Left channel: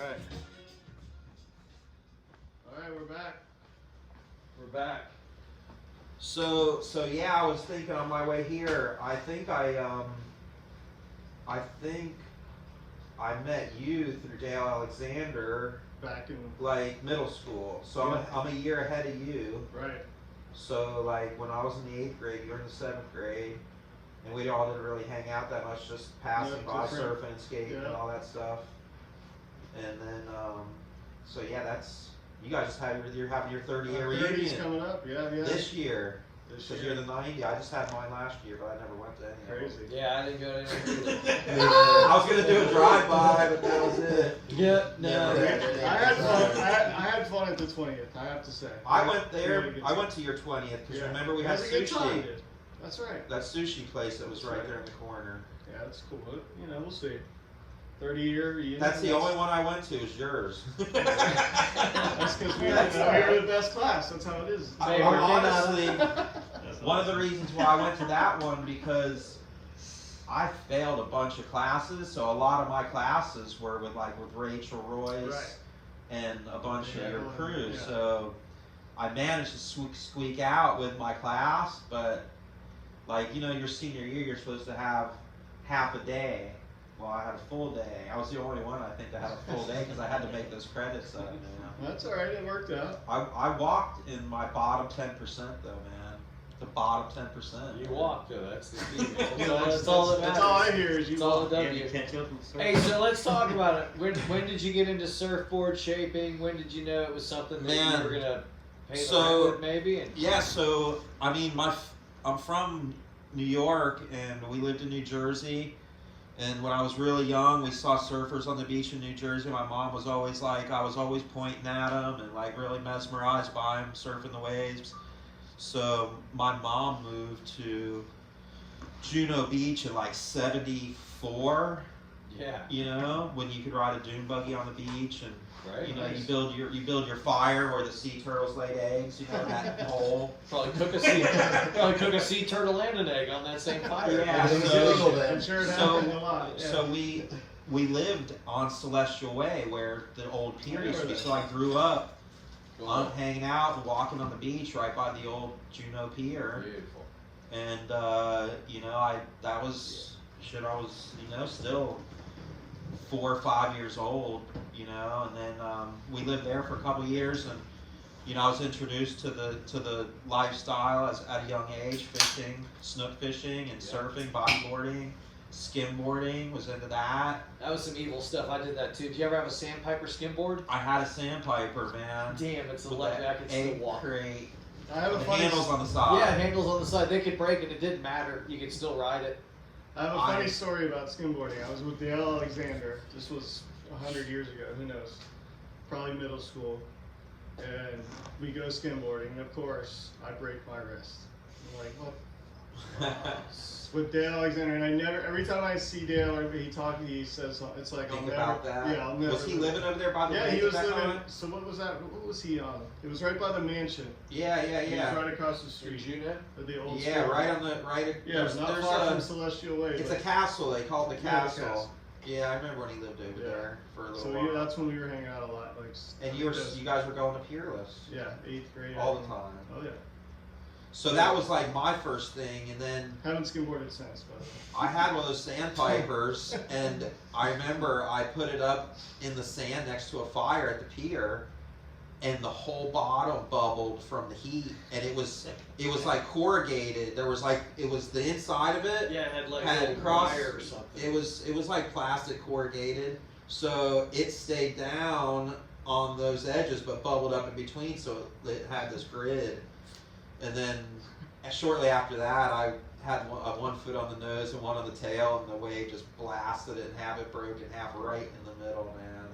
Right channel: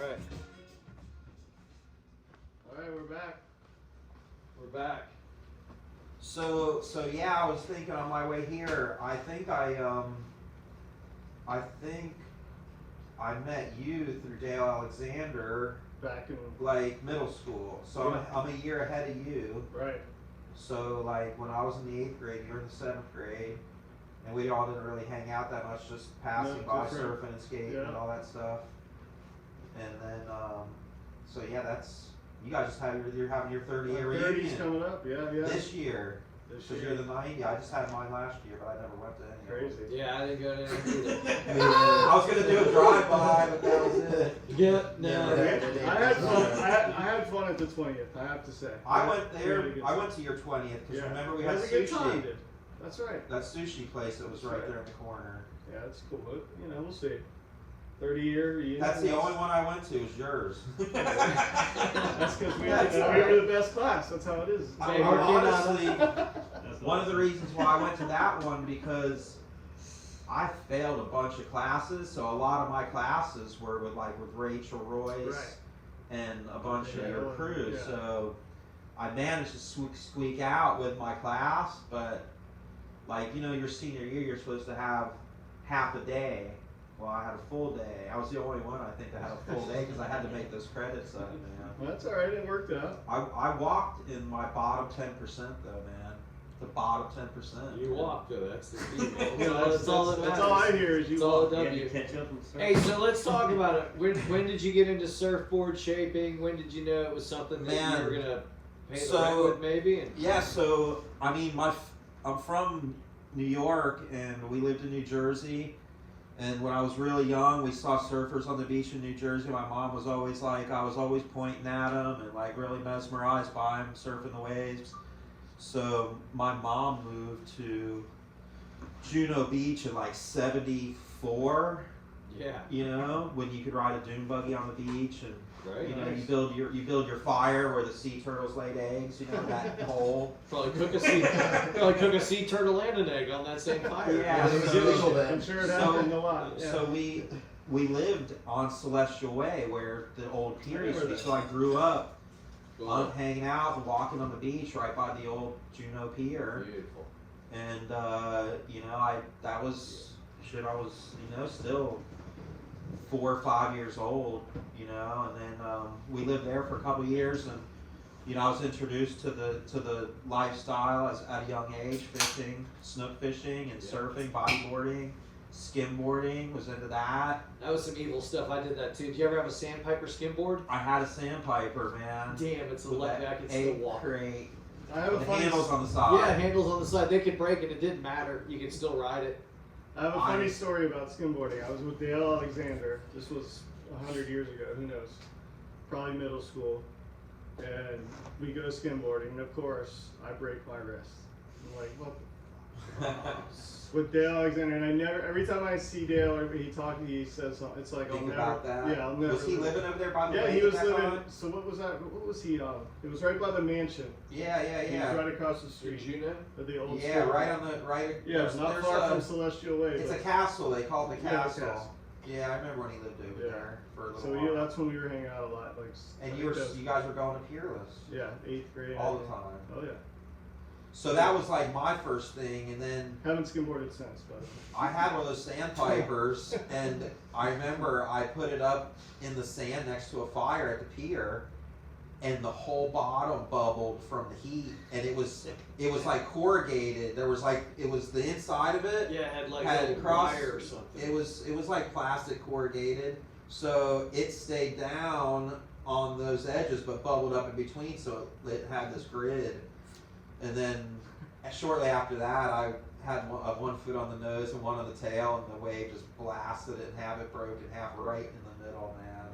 Alright. Alright, we're back. We're back. So yeah, I was thinking on my way here, I think I met you through Dale Alexander Back in like middle school. So Yeah. I'm a year ahead of you. right. So like when I was in the 8th grade, you were in the 7th grade, and we all didn't really hang out that much, just passing No, by, different. surfing, skating, Yeah. and all that stuff. And then so yeah, that's you guys just had you're having your 30-year 30's reunion coming up, yeah. this year. This Because year. you're the 90. I just had mine last year, but I never went to any of them. Crazy. Yeah, I didn't go to any. I was gonna do a drive-by, but that was it. Yep, no. I had fun. I had fun at the 20th. I have to say. I went there. Really good I time. went to your 20th because Yeah. remember we It had was a good time, sushi. dude. That's right. That sushi place that was That's right right. there in the corner. Yeah, that's cool. But, you know, we'll see. 30-year reunion. That's the only one I went to. Is yours. That's because we, That's we all were right. the best class. That's how it is. It's I all hard. honestly, one of the reasons why I went to that one because I failed a bunch of classes, so a lot of my classes were with Rachel Royce Right. and a bunch of Yeah, your crew. yeah. So I managed to squeak out with my class, but like your senior year, you're supposed to have half a day. Well, I had a full day. I was the only one I think that had a full day because I had to make those credits up. That's all right. It worked out. I walked in my bottom 10% though, man. The bottom 10%. You walk though, that's the key. That's all that that's all I matters. hear is you That's all walk. it Yeah, you does. catch up and start. Hey, so let's talk about it. When did you get into surfboard shaping? When did you know it was something that Man, you were gonna pay the so- rent with maybe? And Yeah, so I mean, I'm from New York and we lived in New Jersey. And when I was really young, we saw surfers on the beach in New Jersey. My mom was always like, I was always pointing at them and like really mesmerized by them surfing the waves. So my mom moved to Juno Beach in like '74. yeah, You know, when you could ride a dune buggy on the beach and right. you know nice. you build your fire where the sea turtles laid eggs. You know that hole. Probably cook a sea turtle and an egg on that same fire. Yeah, I'm sure it happened a lot. Yeah. So we lived on Celestial Way where the old pier used to be. So I grew up on hanging out and walking on the beach right by the old Juno Pier. Beautiful. And I was still 4 or 5 years old, and then we lived there for a couple of years, and I was introduced to the lifestyle at a young age, fishing, snook fishing, and surfing, bodyboarding, skimboarding. Was into that. That was some evil stuff. I did that too. Did you ever have a sandpiper skimboard? I had a sandpiper, man. Damn, it's a with lucky I that could still egg walk. crate. I have a The funny. handles on the side. Yeah, handles on the side. They could break and it didn't matter. You could still ride it. I have a funny story about skimboarding. I was with Dale Alexander. This was 100 years ago. Who knows? Probably middle school. And we go skimboarding, and of course, I break my wrist. I'm like, what? With Dale Alexander, and I never. Every time I see Dale, or he says it's like Think I'll never. about that. Yeah, I'll never. Was he living over there by the Yeah, lake he was back living. on? So what was that? What was he on? It was right by the mansion. Yeah. He was right across the Did street. you know? Of the old. Yeah, school. right on the right. Yeah, it's not there's far from Celestial Way. It's but- a castle. They call it the Yeah, the castle. castle. Yeah, I remember when he lived over Yeah. there for a little So while. that's when we were hanging out a lot, like. And I you think guys were going to Peerless yeah, 8th grade. all the time. Oh yeah. So that was like my first thing, and then Haven't skimboarded since, by the way. I had one of those sandpipers, and I remember I put it up in the sand next to a fire at the pier, and the whole bottom bubbled from the heat, and it was like corrugated. There was it was the inside of it. Yeah, it had like Had a little cross- wire or something. It was like plastic corrugated, so it stayed down on those edges, but bubbled up in between, so it had this grid. And then shortly after that, I had one foot on the nose and one on the tail, and the wave just blasted it and half it broke in half right in the middle, man.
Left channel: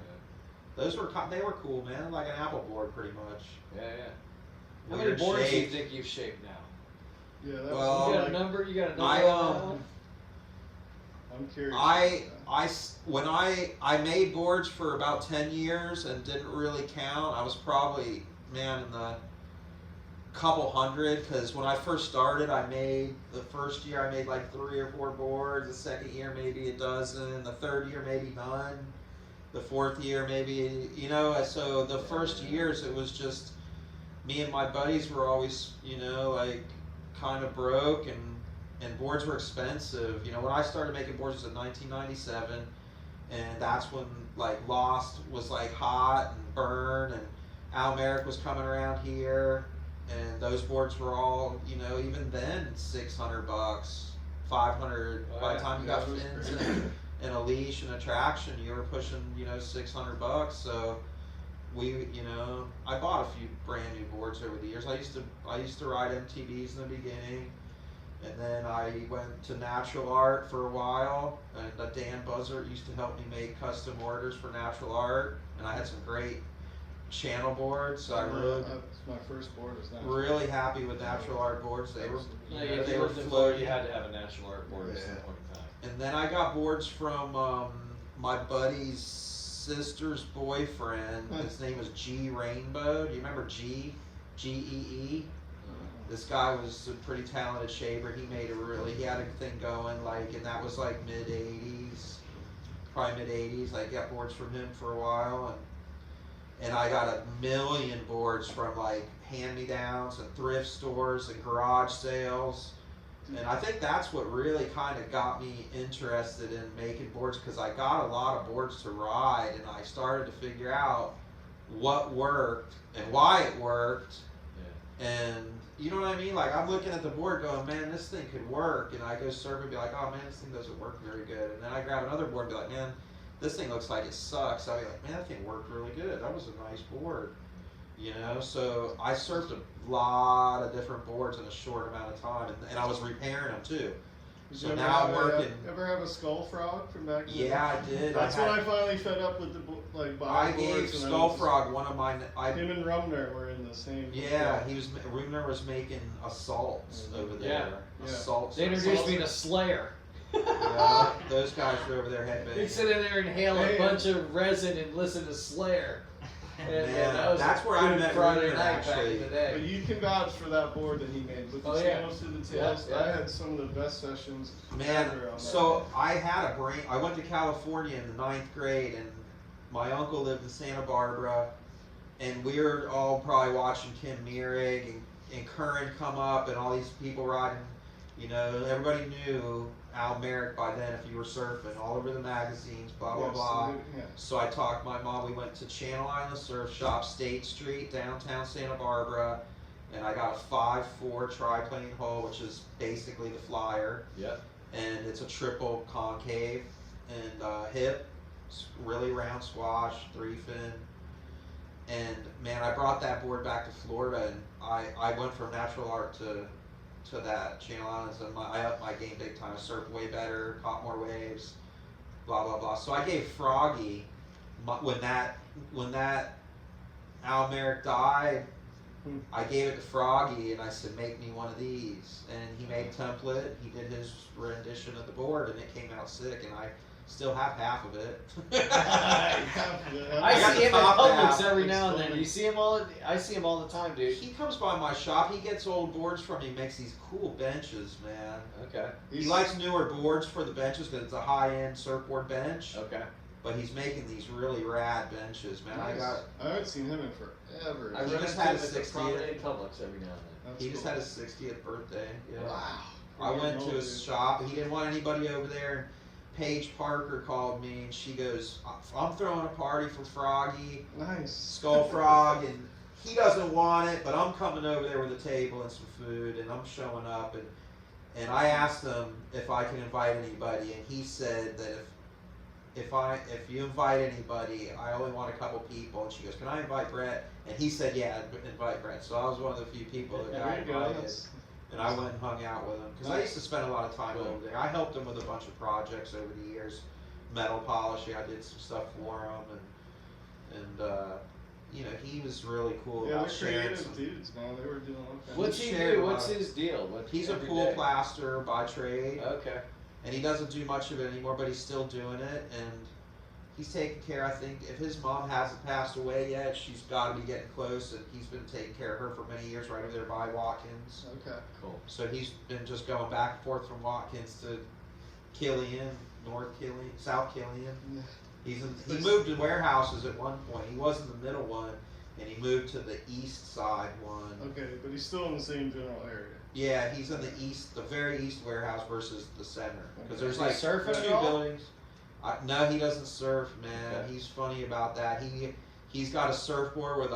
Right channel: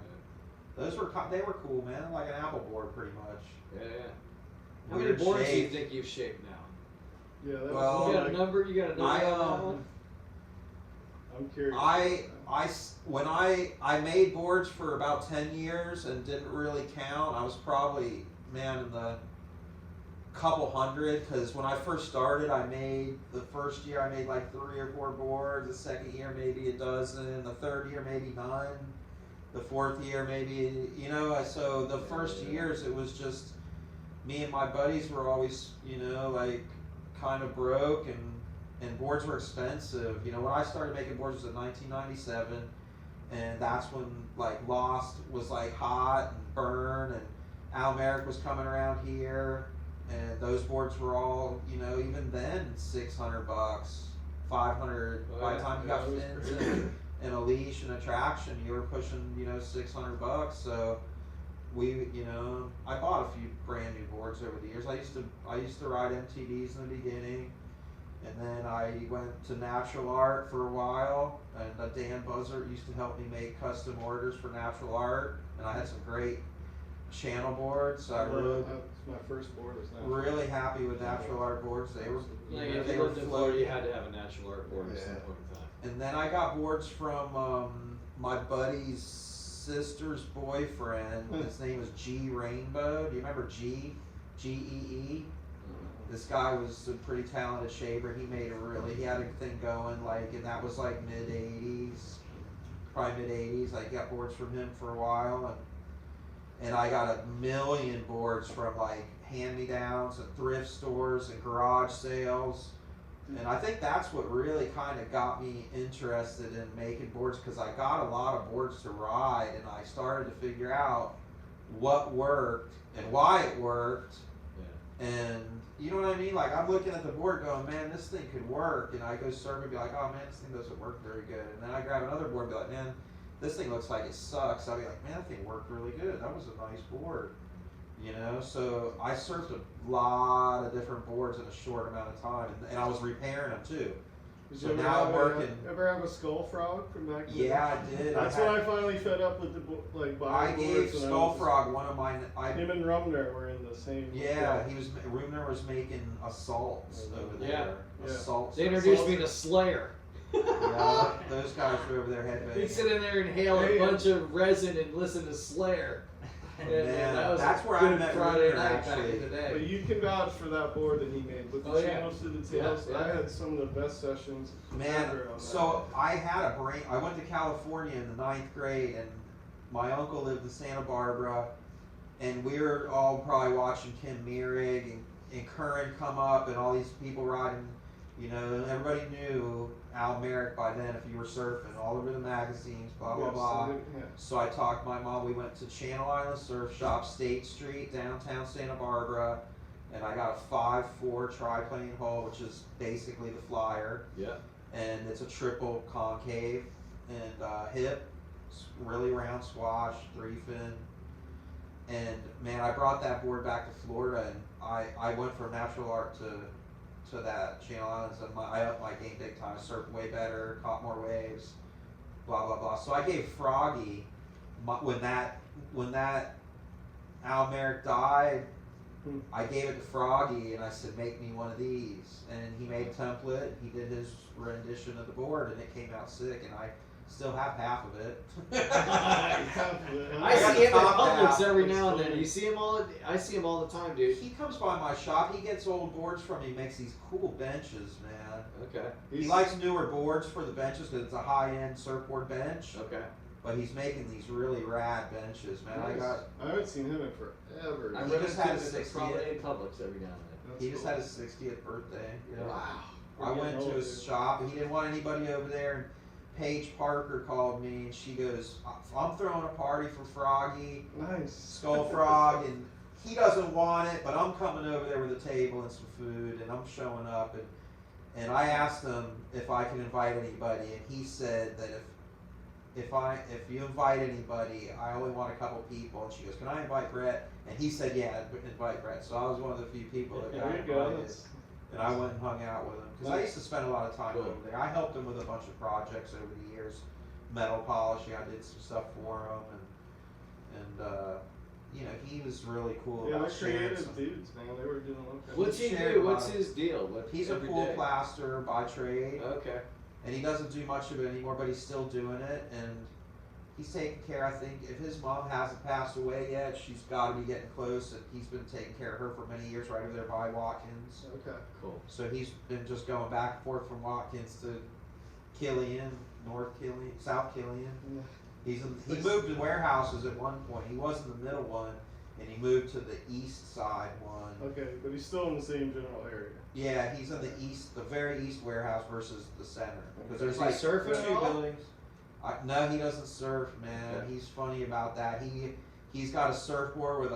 They were cool, man, like an apple board, pretty much. Yeah. How many Weird boards do you shape. think you've shaped now? Yeah, that Well, was You got a like, number? You got a number I, on that one? I'm curious. When I made boards for about 10 years and didn't really count, I was probably, man, in the couple hundred, because when I first started, the first year I made like 3 or 4 boards, the second year maybe a dozen, the third year maybe none, The fourth year, maybe, you know, so the first years it was just me and my buddies were always, you know, like kind of broke, and boards were expensive. You know, when I started making boards was in 1997, and that's when like Lost was like hot and Burn, and Al Merrick was coming around here, and those boards were all, you know, even then $600, $500. By the time you got fins and a leash and a traction, you were pushing, you know, $600. So we, you know, I bought a few brand new boards over the years. I used to ride MTVs in the beginning, and then I went to Natural Art for a while, and Dan Buzzard used to help me make custom orders for Natural Art, and I had some great channel boards. So my first board was really happy with Natural Art boards. They were, you know, they were floaty. You had to have a Natural Art board at some point in time. And then I got boards from my buddy's sister's boyfriend. His name was G Rainbow. Do you remember G? G-E-E? This guy was a pretty talented shaper. He had a thing going, like, and that was like mid-80s, probably mid-80s. I got boards from him for a while, and I got a million boards from like hand-me-downs and thrift stores and garage sales. And I think that's what really kind of got me interested in making boards, because I got a lot of boards to ride, and I started to figure out what worked and why it worked. Yeah. And you know what I mean? Like, I'm looking at the board going, man, this thing could work. And I go surf and be like, oh man, this thing doesn't work very good. And then I grab another board and be like, man, this thing looks like it sucks. I'll be like, man, that thing worked really good. That was a nice board. You know, so I surfed a lot of different boards in a short amount of time, and I was repairing them too. So now I'm working. Ever have a Skull Frog from back then? Yeah, I did. That's when I finally fed up with the I gave Skull Frog one of mine. Him and Rumner were in the same. Yeah, Rumner was making assaults over there. Yeah. Assaults. They introduced me to Slayer. Yeah, those guys were over there headbanging. They'd sit in there and inhale a bunch of resin and listen to Slayer. And man, that's where I met Friday Rumner, night back actually. in the day. But you can vouch for that board that he made with the channels through the tails. Yeah. I had some of the best sessions man, ever on that. So I had I went to California in the 9th grade, and my uncle lived in Santa Barbara, and we were all probably watching Kim Mierig and Curran come up, and all these people riding. You know, everybody knew Al Merrick by then if you were surfing, all over the magazines, blah, blah, blah. So I talked my mom, we went to Channel Island Surf Shop, State Street, downtown Santa Barbara, and I got a 5'4" triplane hull, which is basically the Flyer. Yep. And it's a triple concave and hip, really round squash, 3-fin. And man, I brought that board back to Florida, and I went from Natural Art to that Channel Islands, and I upped my game big time. I surfed way better, caught more waves, blah blah blah. So I gave Froggy when that Al Merrick died, I gave it to Froggy and I said, make me one of these, and he made a template. He did his rendition of the board, and it came out sick, and I still have half of it. I see him in Publix every now and then. You see him all? I see him all the time, dude. He comes by my shop. He gets old boards from me. Makes these cool benches, man. Okay. He likes newer boards for the benches because it's a high-end surfboard bench. Okay. But he's making these really rad benches, man. Nice. I haven't seen him in forever. I just had his 60th in Publix every now and then. He just had his 60th birthday. Yeah. Wow. I went to his shop. He didn't want anybody over there. Paige Parker called me, and she goes, I'm throwing a party for Froggy. Nice. Skull Frog, and he doesn't want it, but I'm coming over there with a table and some food, and I'm showing up, and I asked him if I can invite anybody, and he said that if you invite anybody, I only want a couple people. And she goes, can I invite Brett? And he said, yeah, invite Brett. So I was one of the few people that got invited. And I went and hung out with him, because I used to spend a lot of time over there. I helped him with a bunch of projects over the years, metal polishing. I did some stuff for him, and you know, he was really cool. Yeah, about they're sharing creative some. dudes, man. They were doing all kinds. What's he do? What's his deal? He's a pool plasterer by trade. Okay. And he doesn't do much of it anymore, but he's still doing it, and he's taking care. I think if his mom hasn't passed away yet, she's got to be getting close, and he's been taking care of her for many years, right over there by Watkins. Okay, cool. So he's been just going back and forth from Watkins to Killian, North Killian, South Killian, He moved to warehouses at one point. He was in the middle one, and he moved to the east side one. Okay, but he's still in the same general area. Yeah, he's in the east, the very east warehouse versus the center. Because Okay. there's Does he like surf at two all? buildings. No, he doesn't surf, man. Okay. He's funny about that. He's got a surfboard with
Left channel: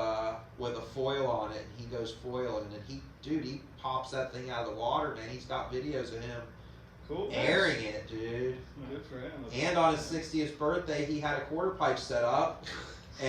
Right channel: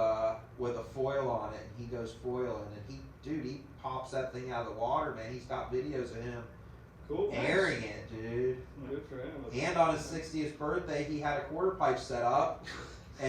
a foil on it, and he goes foiling, and he pops that thing out of the water, man. He's got videos of him Cool. airing it, dude. Good for him. And on his 60th birthday, he had a quarter pipe set up